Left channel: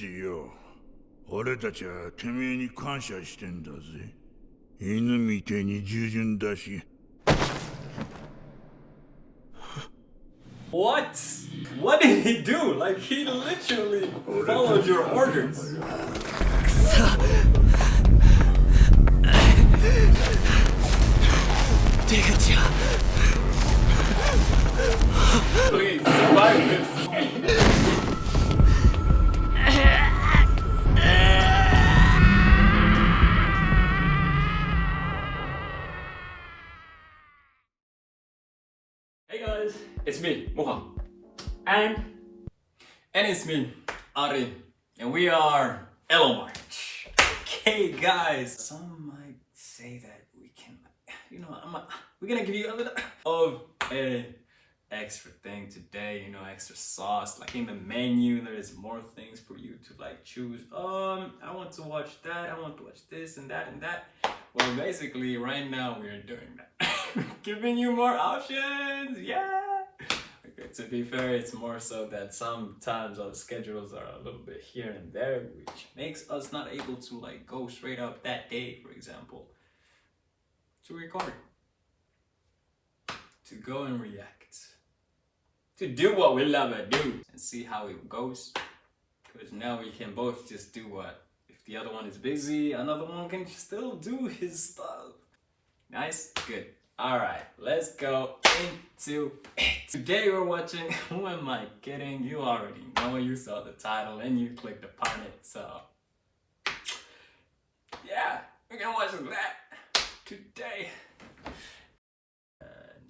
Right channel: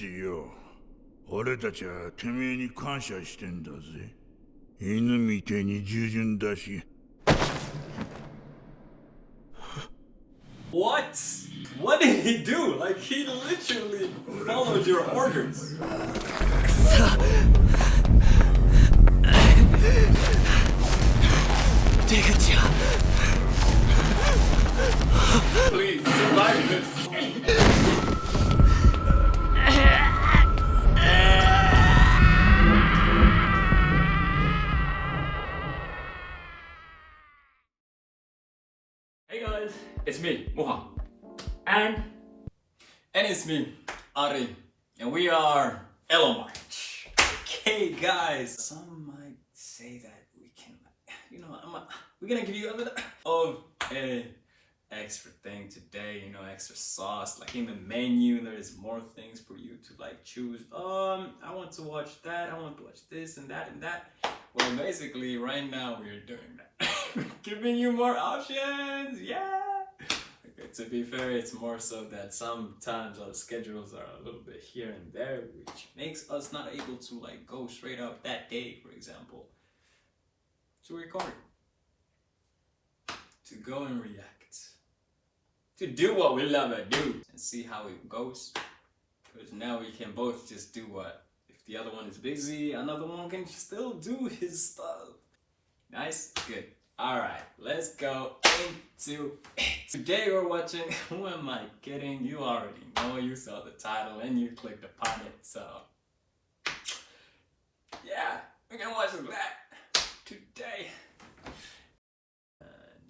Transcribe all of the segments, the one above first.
ジよ。俺たちはてめえに感謝してんだぜ。犬みてえに従順だし。What? What did he do? Like he literally followed your orders. 出口や。 Please survive this. Hey guys, it's me, Moha. And it's me, Ari. And we are Elo March. Okay guys, some might say that we can, we're gonna give you a little of a extra thing today, extra sauce. Like in the menu, there's more things for you to like choose. I want to watch that, I want to watch this and that and that. Well, basically right now we're doing that. Giving you more options, yeah. Okay, to be fair, it's more so that sometimes our schedules are a little bit here and there, which makes us not able to like go straight out that day, for example, to record, to go and react, to do what we love to do and see how it goes. Because now we can both just do what? If the other one is busy, another one can still do his stuff. Nice? Good. Alright, let's go into it. Today we're watching Who Am I Kidding? You already know, you saw the title and you clicked upon it, so yeah, we're gonna watch that today.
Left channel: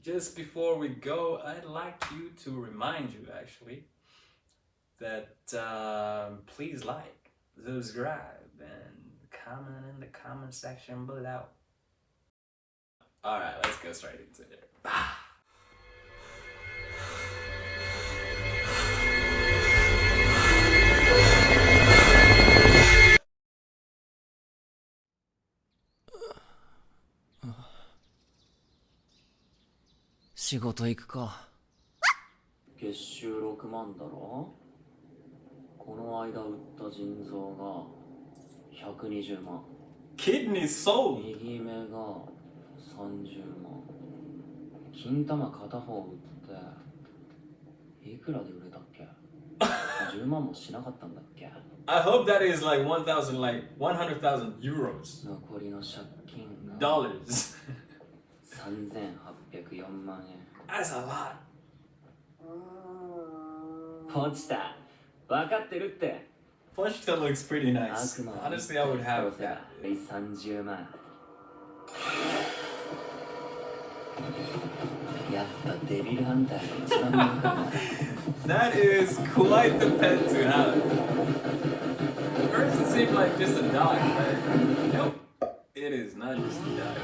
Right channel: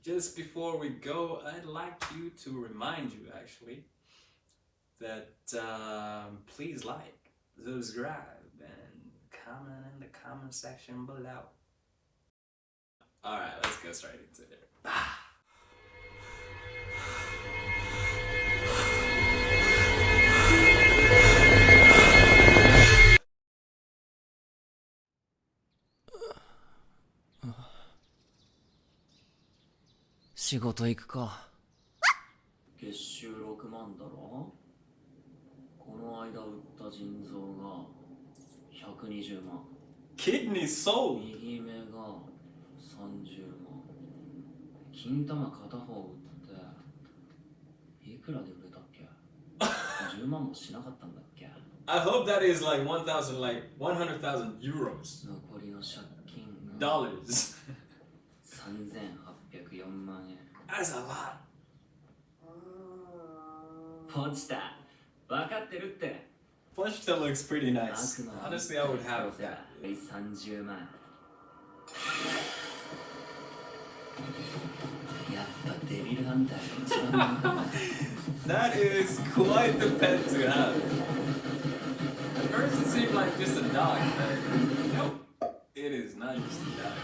Just before we go, I'd like you to remind you actually that please like, subscribe, and comment in the comment section below. Alright, let's go straight into it. "仕事行くか。月収6万だろ。この間売った腎臓が120万。 Kidney sold! 右目が30万。金玉片方売っていくらで売れたっけ？10万もしなかったんだっけ？ I hope that is like 1,000, like 100,000 euros. 残りの借金が Dollars. 3804万円。 That's a lot. ポチタ、分かってるって。 Pochita looks pretty nice. Honestly, I would have that. 30万。やっぱデビルハンターが一番なんだな。 That is quite the pet to have. At first it seemed like just a dog, but nope. It is not just a dog.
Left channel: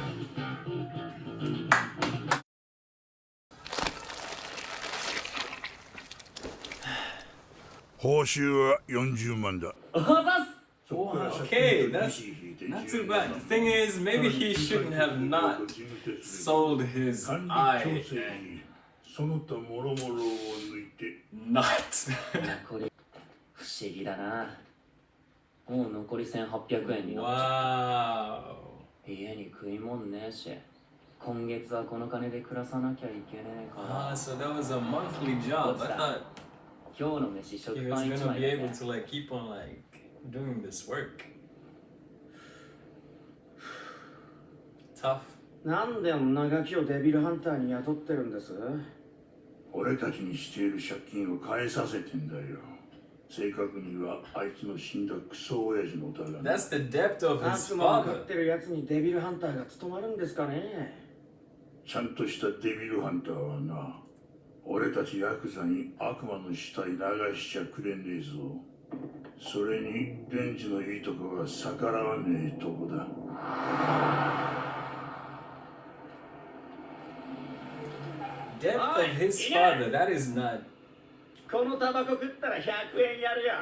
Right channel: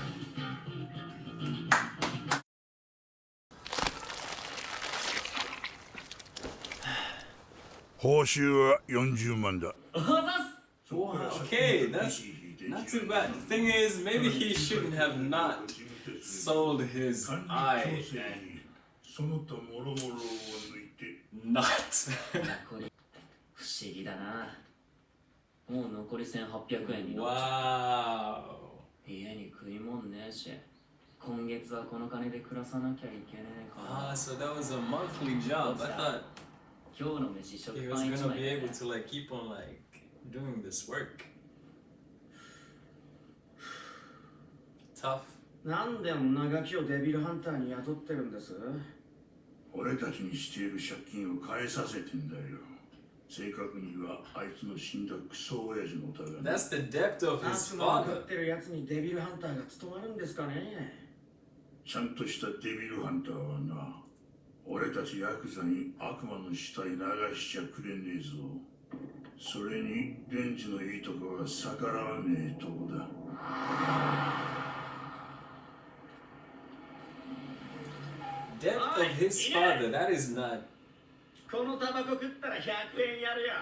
報酬は40万だ。 Okay, that's not too bad. The thing is, maybe he shouldn't have not sold his eye and その他もろもろを抜いて not. これ不思議だな。もう残り1800円になっちゃ Wow. う。家に食い物ねえし、今月はこの金で暮らさなきゃいけねえから。 Ah, so that was a monthly job. I thought 今日の飯食 he パ was ン1 gonna 枚 be で able to like keep on like doing this work. Tough. なんで女ガキをデビルハンターに雇ってるんです？俺たちにしている借金を返させてんだよ。正確にはあいつの死んだクソ親父のだがな。 That's the depth of his 悪魔を飼 father. ってるやつにデビルハンターが務まるんですかね？ちゃんとしたデビルハンターはな、俺たちヤクザに悪魔の死体流しちゃくれねえぞ。それにデンジのいいとこが逆らわねえとこだ。 Depth of his father, that is not. このタバコ食ったら100円やるよ。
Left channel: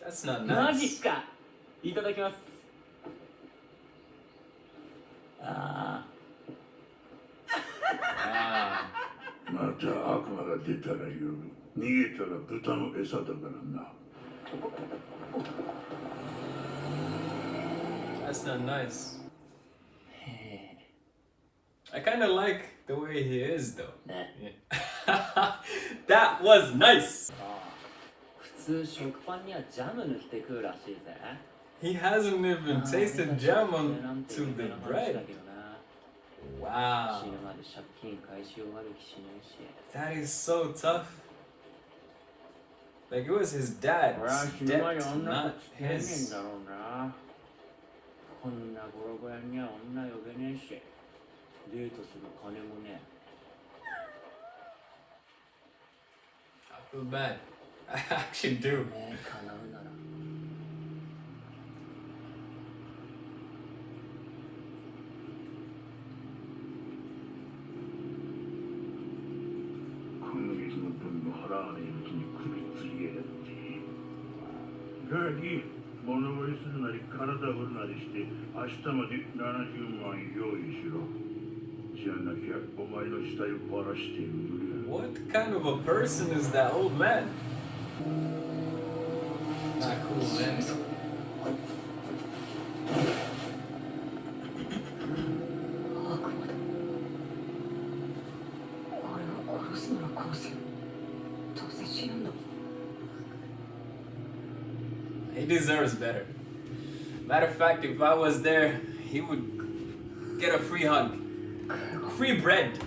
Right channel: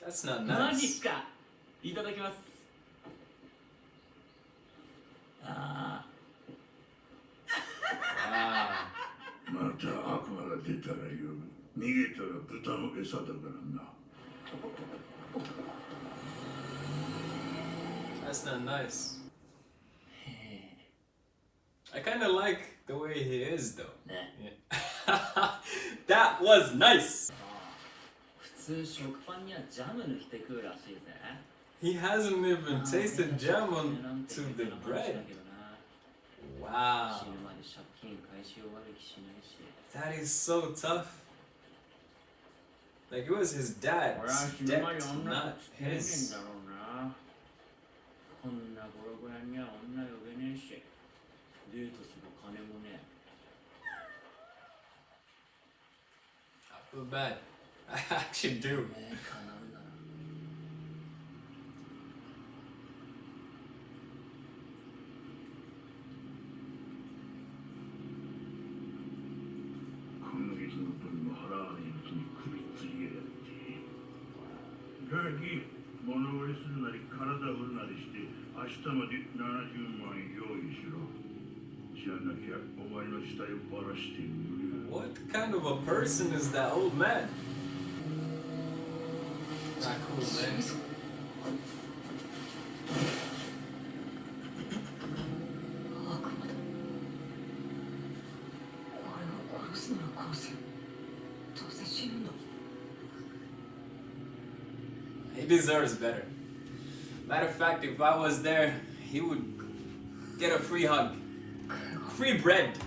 That's not マジっ nice. すか。いただきます。ああ。Ah. また悪魔がから出たらよ、逃げたら豚の餌だからな。 That's not nice. I kind of like the way he is though. ね Yeah. That was nice. 普通食パンにはジャム塗って食うらしいぜ He hasn't even tasted jam onto the bread. Wow. 死ぬまで借金返し終わる気しないし That is so tough. Like it was his dad's 俺は死ぬまで debt, 女 not と付き合えねえん his. だろうな。こんなボロボロには女呼べねえし、デートする金もね I feel bad. I actually do. ねえ叶うなら 今月の分も払わねえうちに首つりやがって。ガキ、物乞いするなり体振るなりして明日まで70万用意しろ。じゃなきゃお前の死体をばらしてくれ。 What kind of a person is that old man? Not cool, man. 悪魔だ。俺を殺すなら殺せ。どうせ死ぬんだ。 He deserves better. Matter of fact, if I was there, he would get a free hug. Free bread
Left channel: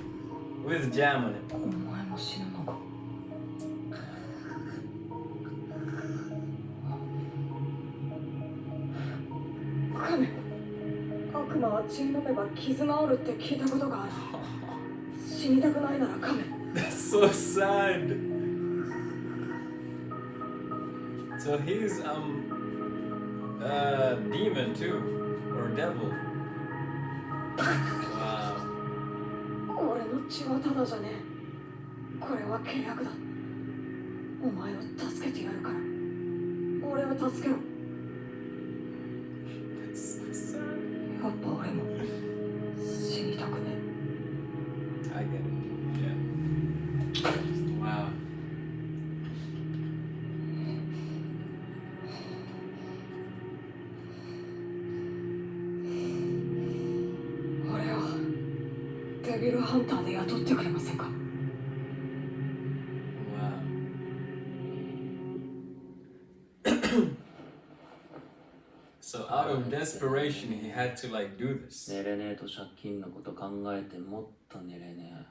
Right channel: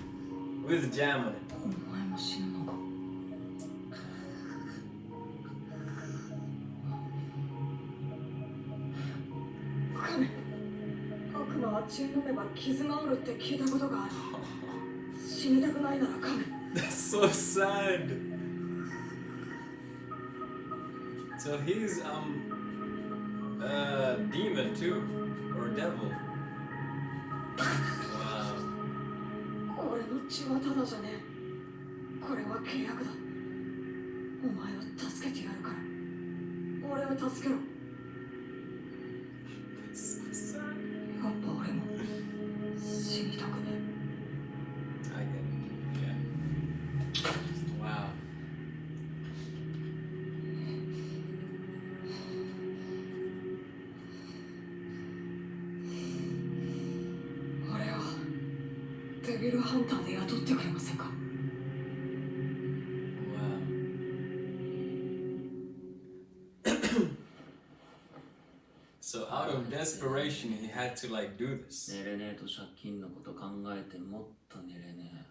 with jam on it. お前も死ぬのか。カメ、悪魔は血飲めば傷が治るって聞いたことがある。死にたくないならカメ。 That's so sad. So he's demon too, or devil. Wow. 俺の血はただじゃねえ。これは契約だ。お前を助けてやるから。俺を助けろ。 That's so sad. やっぱ俺も死にたくね I get it. Yeah. Wow. え。俺をデビルハンターで雇ってくれませんか。 Wow. So out of desperation, he had to like do this. 寝れねえと借金のこと考えてもっと寝れね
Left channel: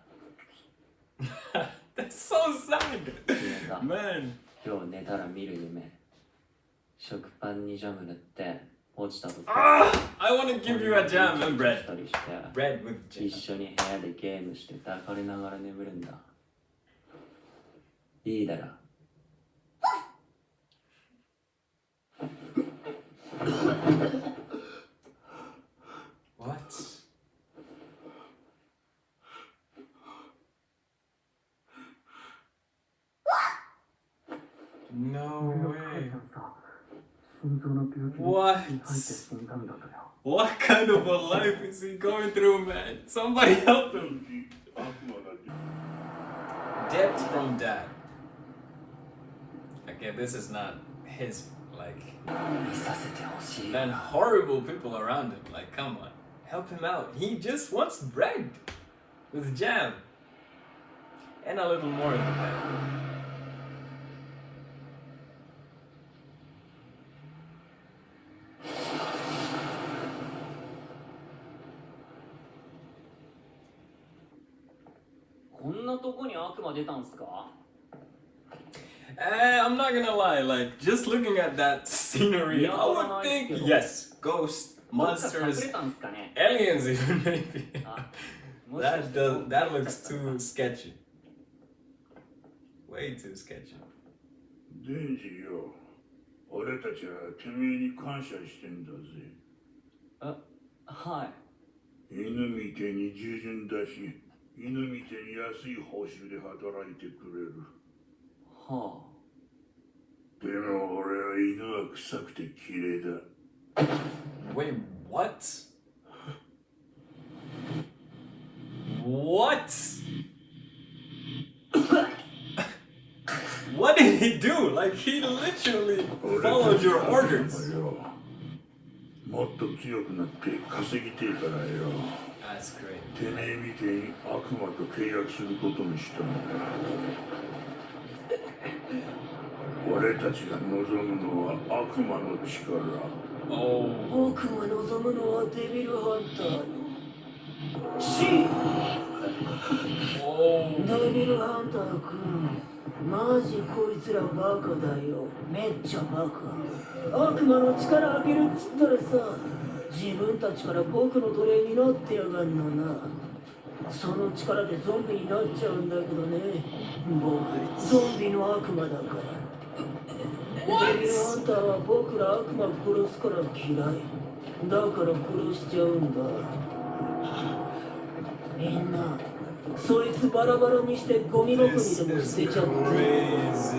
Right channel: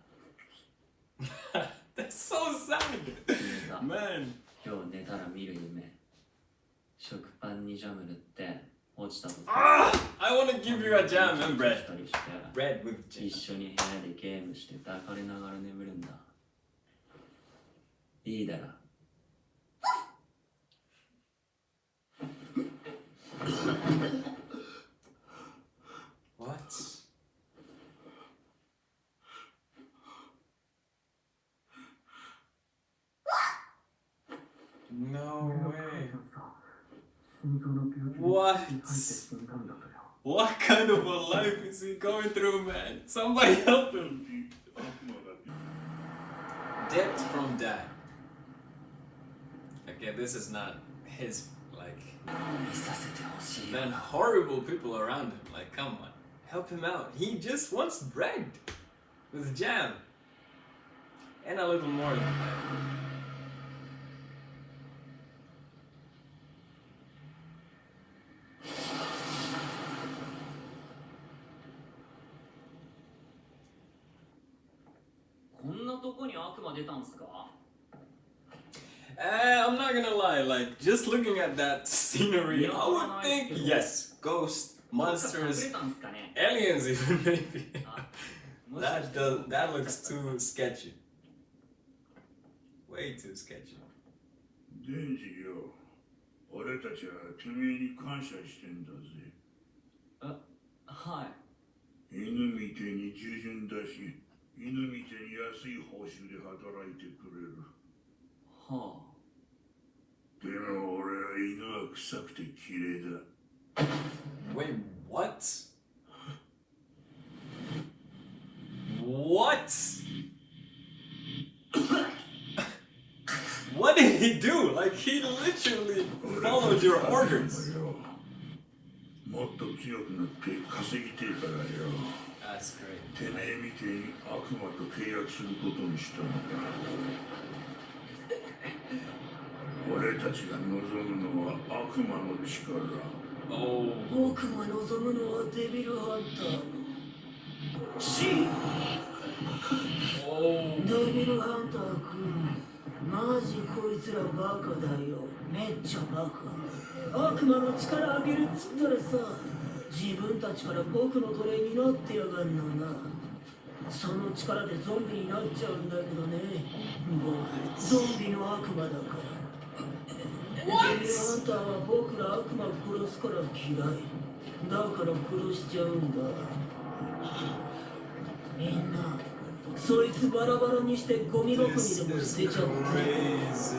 That's so sad. え決めた Man. 今日寝たら見る夢食パンにジャム塗って落ちた時 Ah, I want to give you a jam and し bread. たりして Bread with jam. 一緒に部屋でゲームして抱かれながら眠るんだいいだろ What? No way. 心臓の病気 What? に入って死んだんだとよ。 What kind of a life is he going through, man? Somebody help him. 悪魔が Debt from dad. Okay, this is not his, like, 見させてほしい then horrible people around him. Like, come on, help him out. He just wants bread with jam. And a little more than that. こんなとこに悪魔出たんすか I'm not gonna lie, like, just looking at that scenery, I would think, yes, ghosts, 隠 monsters, れたんすかね aliens even maybe. あもしかして That looks too sketchy. Way too sketchy. デンジよ、俺たちはてめえに感謝してんだぜ。はい犬みてえに従順だし、犬みてえに安い報酬で働いてくれる。はでも俺は犬は臭くて綺麗だ。 Wait, what? What? he do? Like he literally followed your orders. もっと強くなって稼ぎてえからよ。 That's great. てめえみてえに悪魔と契約することにしたんだよ。俺たちが望むのは悪魔の力。 Oh. 僕が望むのはデビルハンターの死。 Oh. デビルハンター君、マジこいつらバカだよ。めっちゃバカ。悪魔の力あげるっつったらさ、自分たちから僕の奴隷になってやがんのな。その力でゾンビになっちゃうんだけどね。僕、ゾンビの悪魔だから。デビルハンターは僕ら悪魔殺すから嫌い。だから殺しちゃうんだ。みんな、そいつバラバラにしてゴミ箱にでも This 捨て is ちゃって crazy.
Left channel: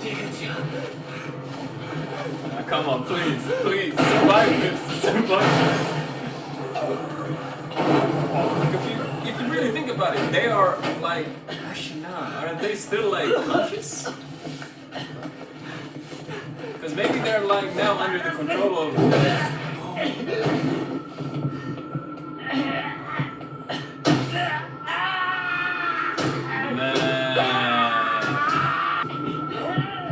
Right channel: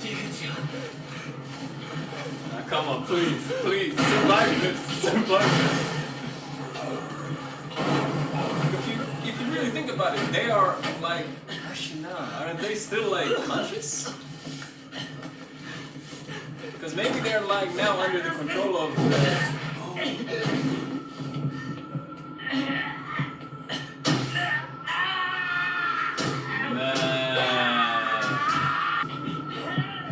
出口や Come on, please, please, survive this, survive this. If you really think about it, they are like, actually, nah, aren't they still like conscious? Because maybe they're like now under the control of.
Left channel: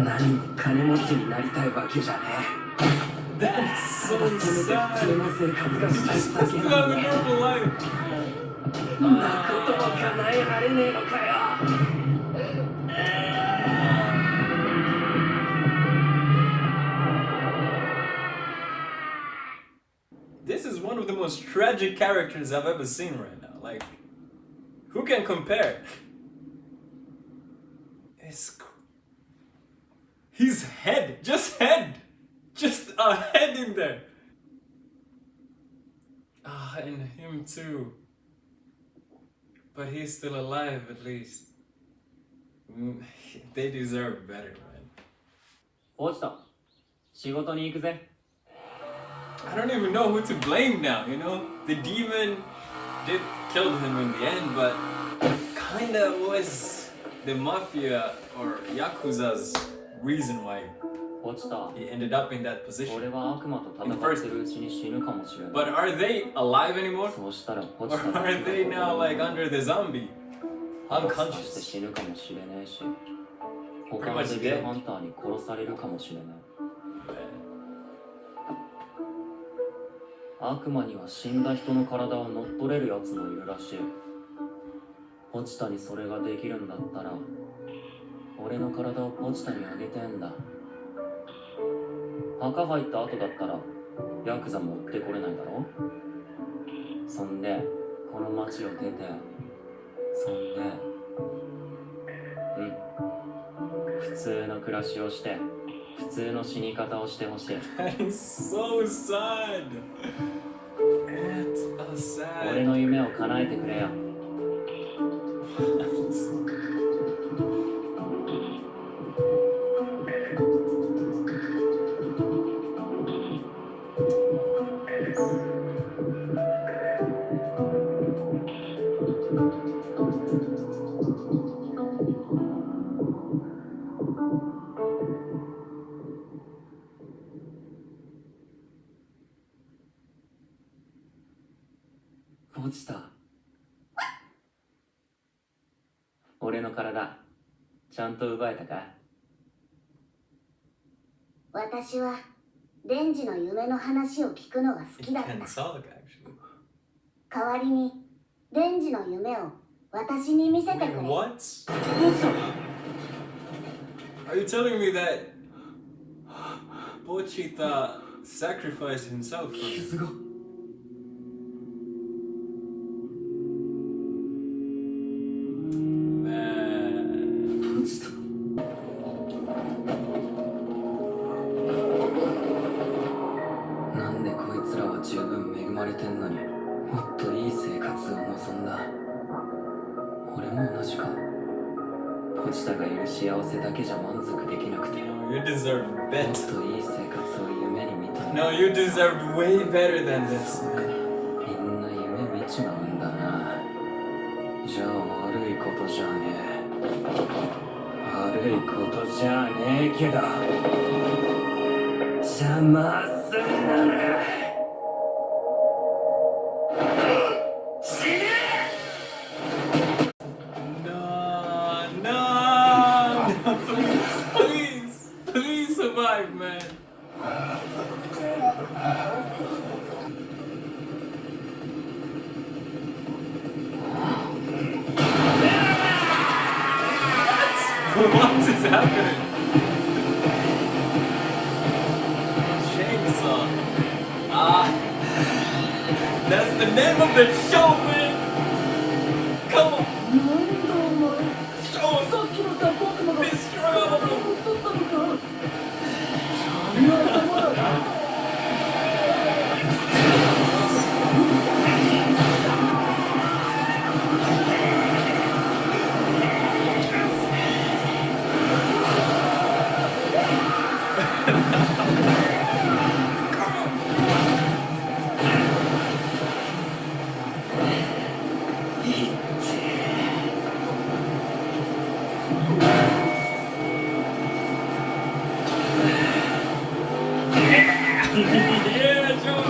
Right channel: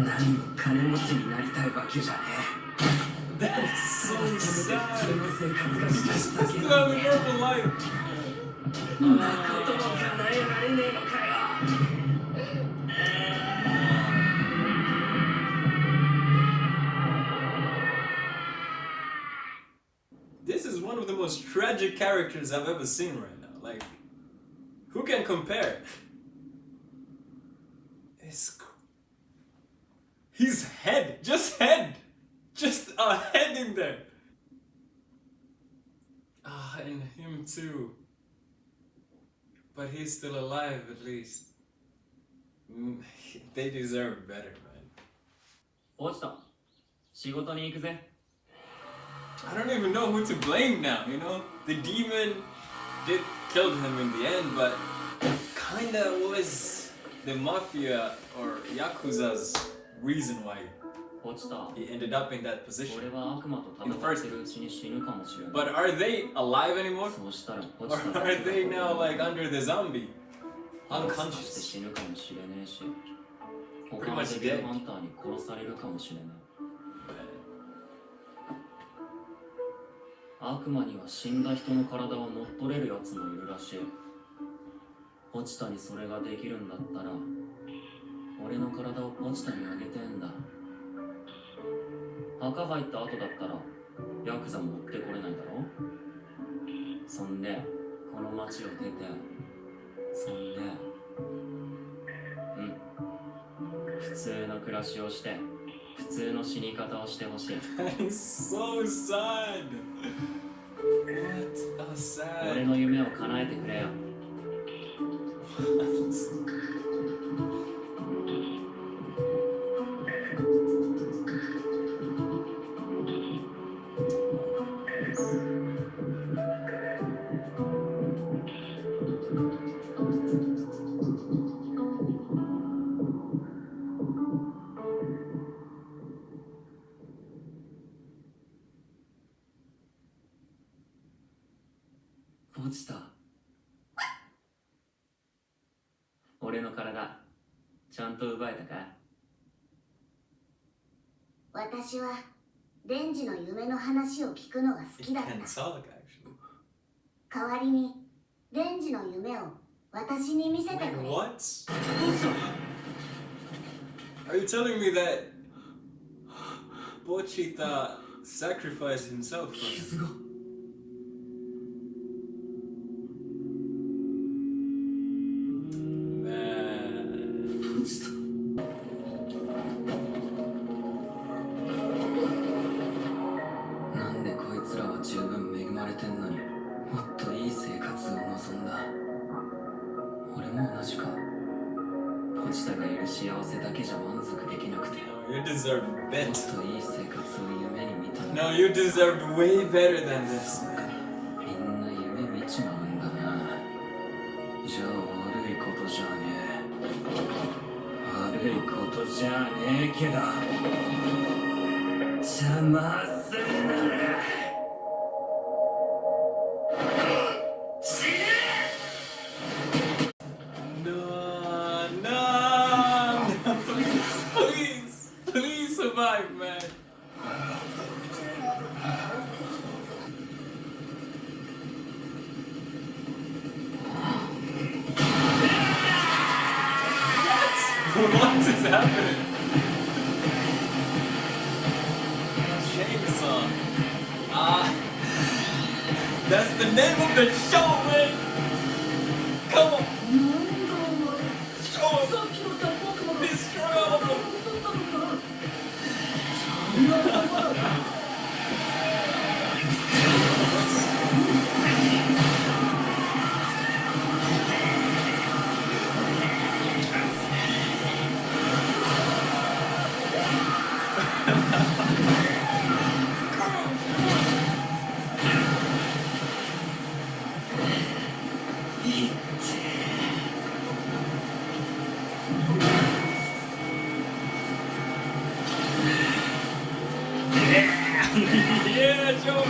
Man, 金持ちになりたいわけじゃね that is so え。せめて普通 sad. の生活がしたい This だ is け not な a んだよ。 normal life. そんなことも叶えられねえのかよ。This is one of the most tragic characters I've ever seen right now. Like, who can compare? His head, just a head in there. Ah, and him too. But he's still alive at least. They deserve better, right? 落ちた。仕事に行くぜ。 I don't even know who to blame now, you know? The demon did kill him in the end, but kinda was the mafia or Yakuza's reason why 落ちた。 he ended up in that 俺 position. は悪魔と戦ってるうちに死ぬかもしれない。 But are they alive anymore? そうしたらポ Or チタ are they now like under the zombie? して Unconscious. 死ぬかもしれねえし、他 Pretty の much デビル dead. ハンターに殺されるかもしれない。悪魔には死んだ人の体を乗っ取れるやつもいるらしい。ポチタにそれができるんだったら、俺の体をポチタにあげてんだ。墓入った後だったら、ヤクザ持ってこれないだろ。そんで、この町を出て、そんで、普通の暮らしをして、普通の死に方をしてほしい。That is so sad. What a 俺 sad. の夢を叶えてくれよ。落ちた。俺の体、ちゃんと奪えたか？私はデンジの夢の話を聞くのが好きだった。 And Sonic, actually. 代わりにデンジの夢を私に見せてくれ。 Wait, what? Are you telling me that Pochita sacrificed himself for him? 傷が。Man. 落ちた。なんでこいつらは十分恵まれてんのにもっといい生活を望んだ。俺も同じか。ポチタがいる幸せだけじゃ満足できなくて、 No, you deserve もっ better. といい生活を夢に見た。 No, you deserve way better than this. そうか、みんな夢見ちまうんだな。じゃあ悪いことじゃねえ。悪いことじゃねえけど、邪魔すんなら死ね。 No, no, no, please survive, man. What is happening? Chainsaw. That's the name of the show, man. Come on. なんだお前、 Show さ us. っきのさ悪魔が Destroy all of them. 取ったのか。そんな頭。Yeah, Joe.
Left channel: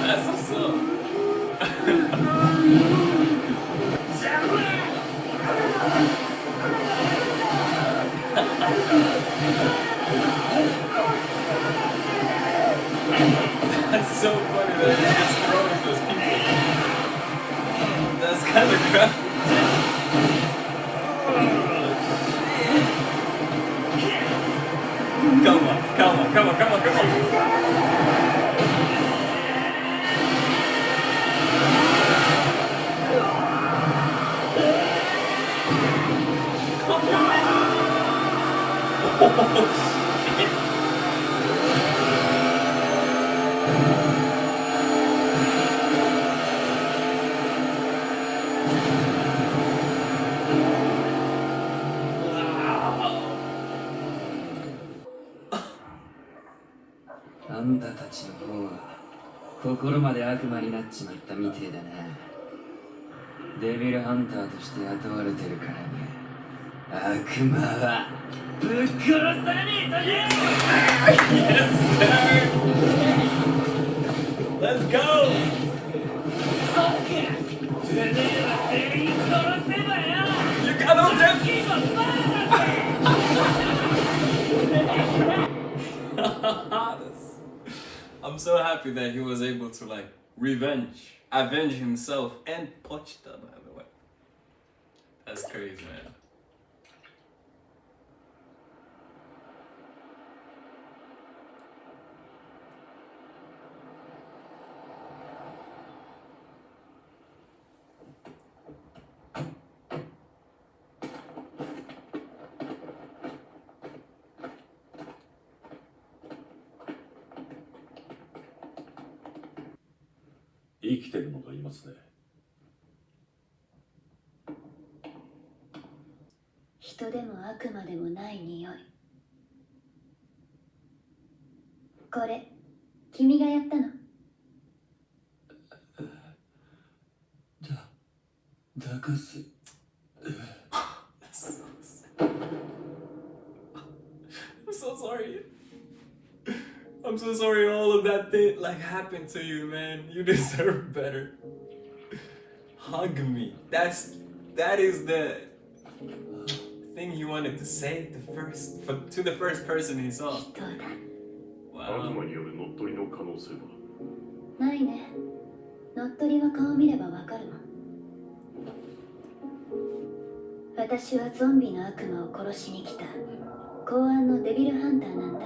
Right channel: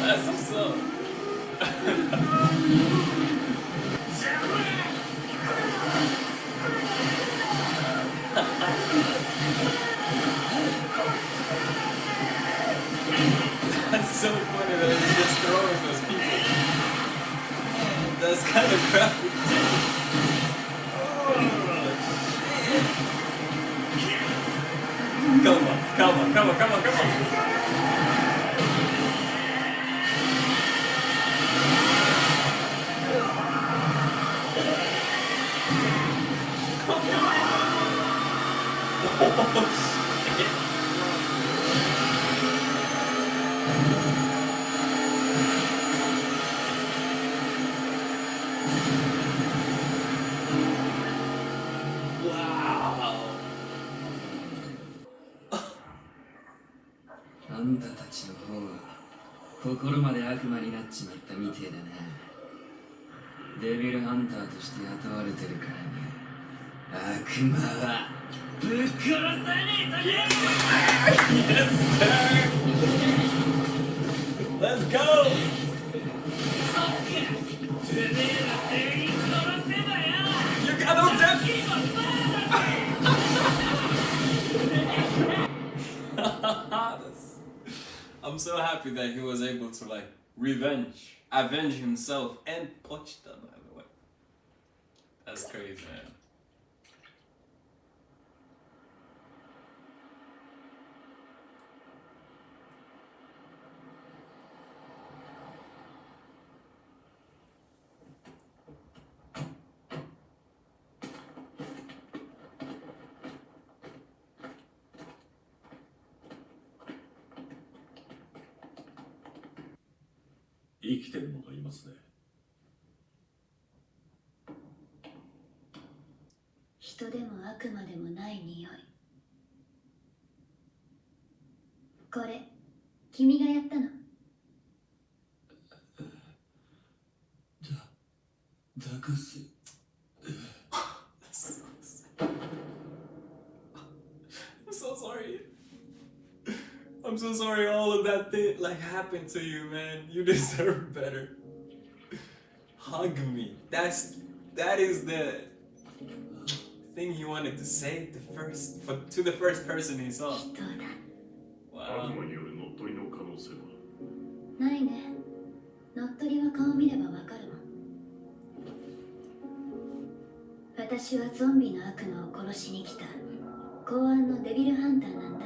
That's what's up. That's so funny that he's just throwing those people. That's kind of graphic. Come on, come on, come on, come on, come on. Come on. Oh, shit. Wow. あんたたちの方は心まで悪魔になっちまったみてえだな。デビルハンターとして雇われてるからね。悪魔はぶっ殺さねえという。 Yes, sir. Let's go. てめえは全員殺せばよ。 You got no depth. I'm so happy that he was able to like avenge himself and Pochita, by the way. That's crazy, man.「生きてるのがいますね。人でも悪魔でもない匂い。これ君がやったの？だかす。 I'm so sorry. I'm so sorry all of that thing like happened to you, man. You deserve better. Hug me. That is the thing he wanted to say to the first person he saw. 人だ。Wow. 悪魔による乗っ取りの可能性は。ないね。乗っ取りは顔見ればわかるわ。私はゾンビの悪魔を殺しに来た公安のデビルハンターなんだ。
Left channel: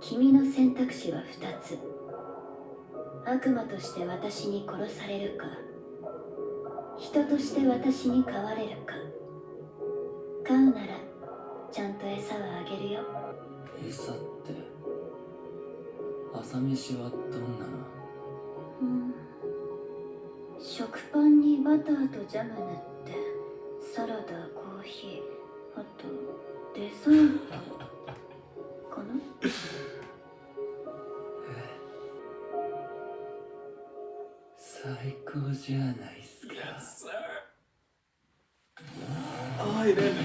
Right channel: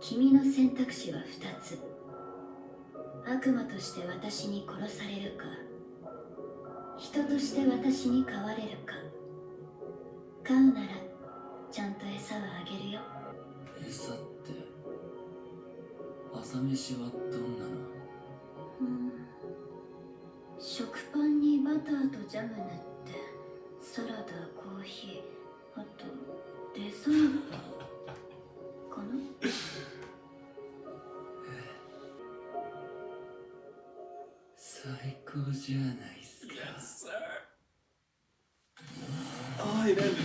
君の選択肢は2つ。悪魔として私に殺されるか、人として私に飼われるか。飼うならちゃんと餌はあげるよ。餌って朝飯はどんなの？食パンにバターとジャム塗ってサラダ、コーヒー、あとデザートかな。最高じゃないっすか。 Yes, sir. Oh, it ended.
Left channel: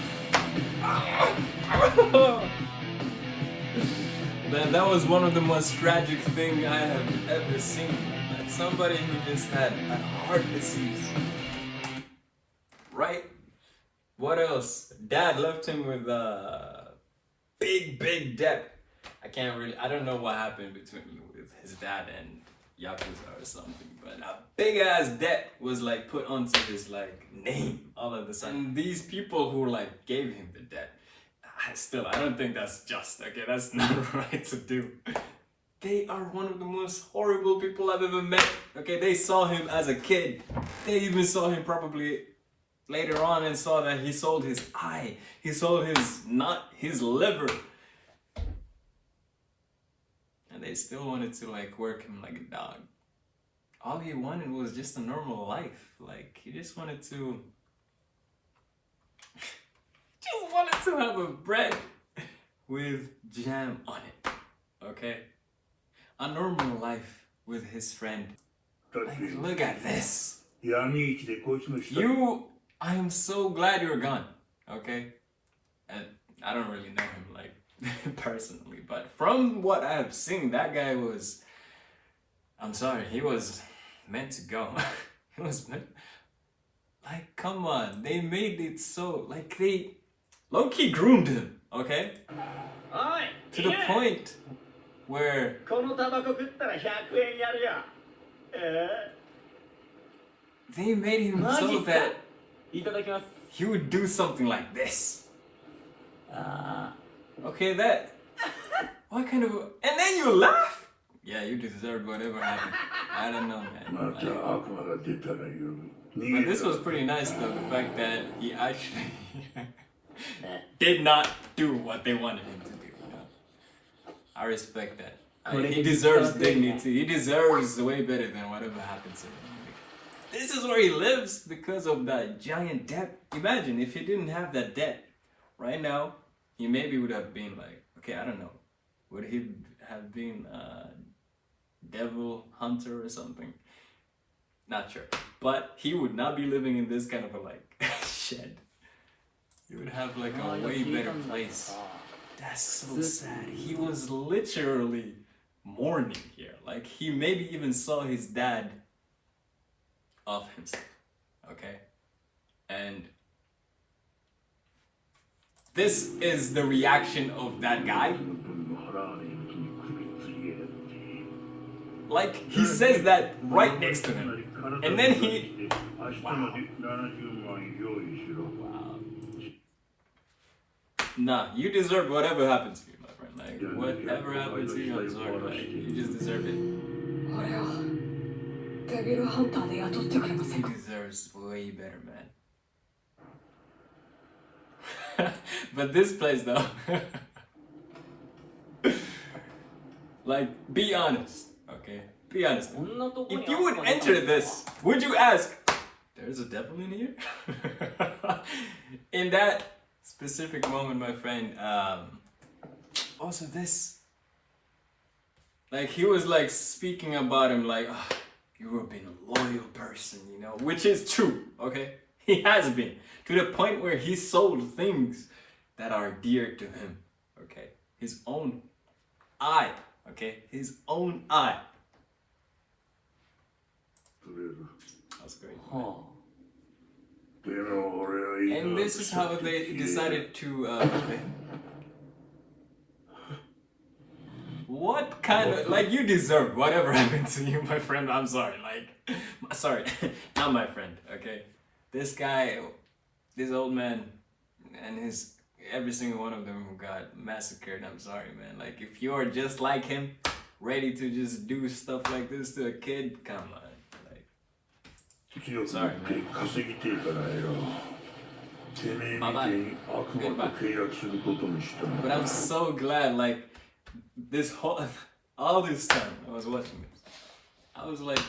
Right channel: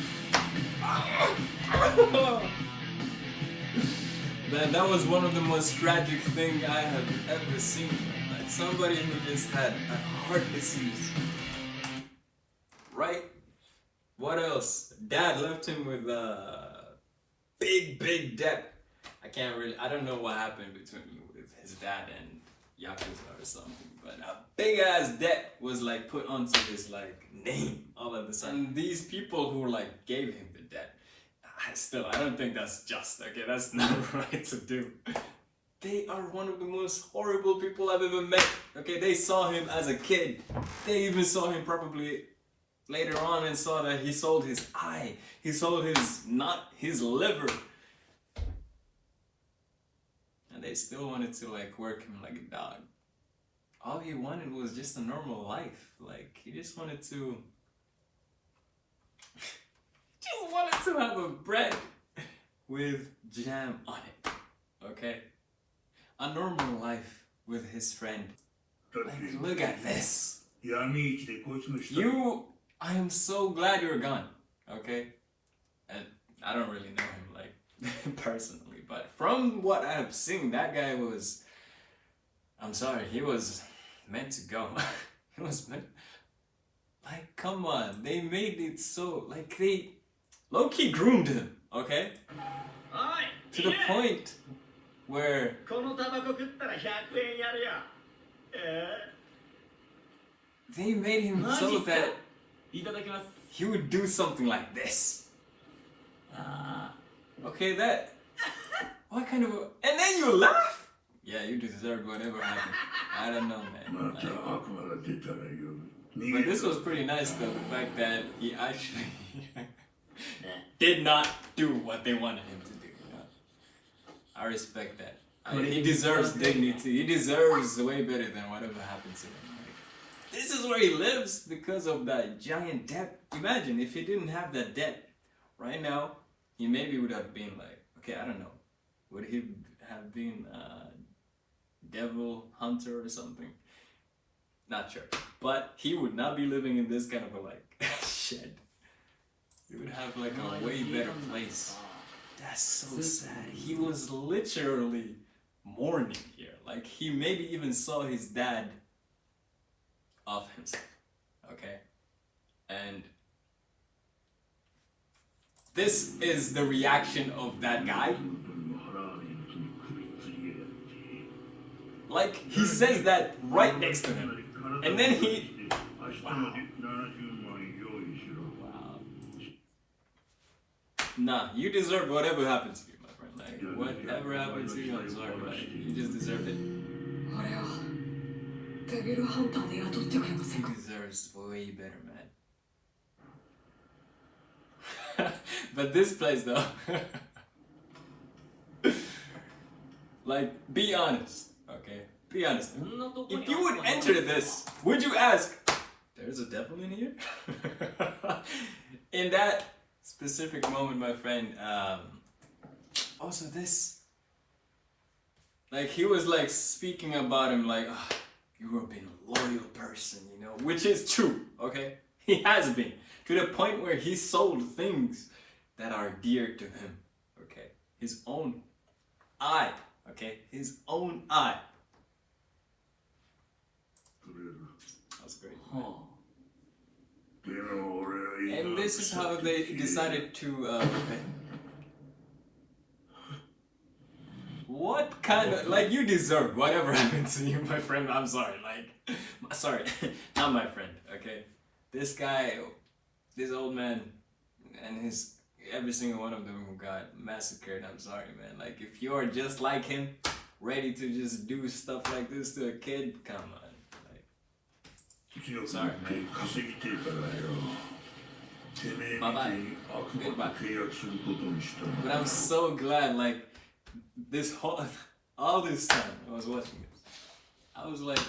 Man, that was one of the most tragic things I have ever seen. Like somebody who just had a heart disease. Right? What else? Dad left him with a big debt. I don't know what happened between with his dad and Yakuza or something, but a big ass debt was like put onto his like name all of a sudden. And these people who like gave him the debt, I don't think that's just, okay? That's not right to do. They are one of the most horrible people I've ever met. Okay, they saw him as a kid. They even saw him probably later on and saw that he sold his eye. He sold his liver. And they still wanted to like work him like a dog. All he wanted was just a normal life. Like, he just wanted to have a bread with jam on it. Okay? A normal life with his friend. Like, look at this. I am so glad you're gone. Okay? And I don't really know him like personally, but from what I've seen, that guy was, I'm sorry, he was meant to go. He was meant, like, come on, they made it so, like, they low-key groomed him, okay? To the point where they made him so that he would do something like this. Okay, that. What kind of. And then you laugh? Yeah, you deserved whatever happened. I don't know, man. But this was pretty nice, though. The fact that he actually did not do what they wanted him to do. You know? I respect that. He deserves dignity. He deserves way better than whatever happened to him. This is where he lives because of that giant debt. Imagine if he didn't have that debt right now. He maybe would have been like, okay, I don't know. Would he have been a devil hunter or something? Not sure. But he would not be living in this kind of a like shed. He would have like a way better place. That's so sad. He was literally mourning here. Like he maybe even saw his dad off himself. Okay? And this is the reaction of that guy. Like, he says that right next to him. And then he... Wow. Wow. Nah, you deserve whatever happened to you, my friend. Like, whatever happened to you, I'm sorry, like, you just deserve it. He deserves way better, man. But this place though, like, be honest, okay? Be honest. If you would enter this, would you ask, there's a devil in here? In that specific moment, my friend, also this, like, he was like speaking about him like, oh, you have been a loyal person, you know, which is true, okay? He has been, to the point where he sold things that are dear to him, okay? His own eye, okay? His own eye. That's great. And this is how they decided to, okay. What kind of, like, you deserve whatever happened to you, my friend. I'm sorry, like, sorry, not my friend, okay? This guy, this old man, and every single one of them who got massacred, I'm sorry, man. Like, if you're just like him, ready to just do stuff like this to a kid, come on. Like, sorry, man. Bye-bye. Goodbye. But I'm so glad, like, all this time I was watching this, I was like,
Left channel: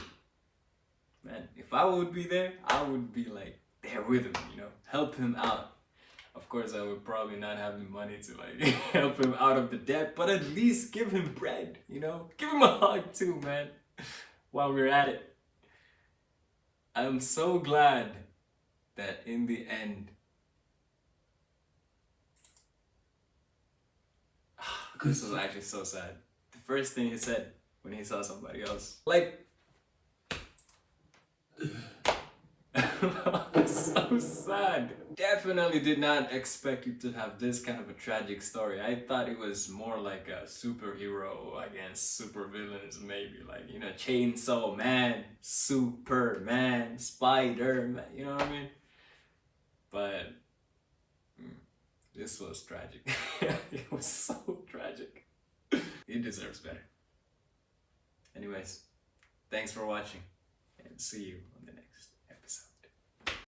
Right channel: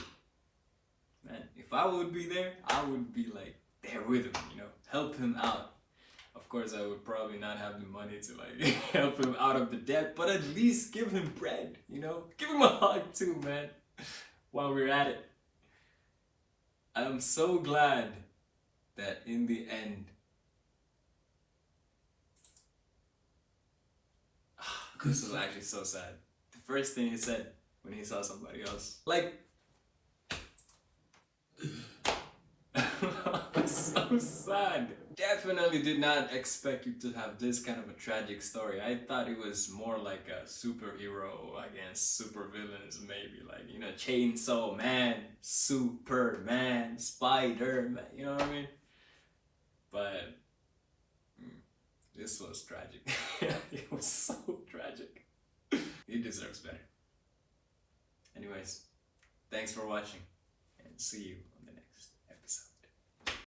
man, if I would be there, I would be like there with him, you know, help him out. Of course, I would probably not have the money to like help him out of the debt, but at least give him bread, you know? Give him a hug too, man, while we're at it. I'm so glad that in the end, this was actually so sad. The first thing he said when he saw somebody else, like, so sad. Definitely did not expect you to have this kind of a tragic story. I thought it was more like a superhero against supervillains, maybe like, you know, Chainsaw Man, Superman, Spider-Man, you know what I mean? But this was tragic. It was so tragic. He deserves better. Anyways, thanks for watching and see you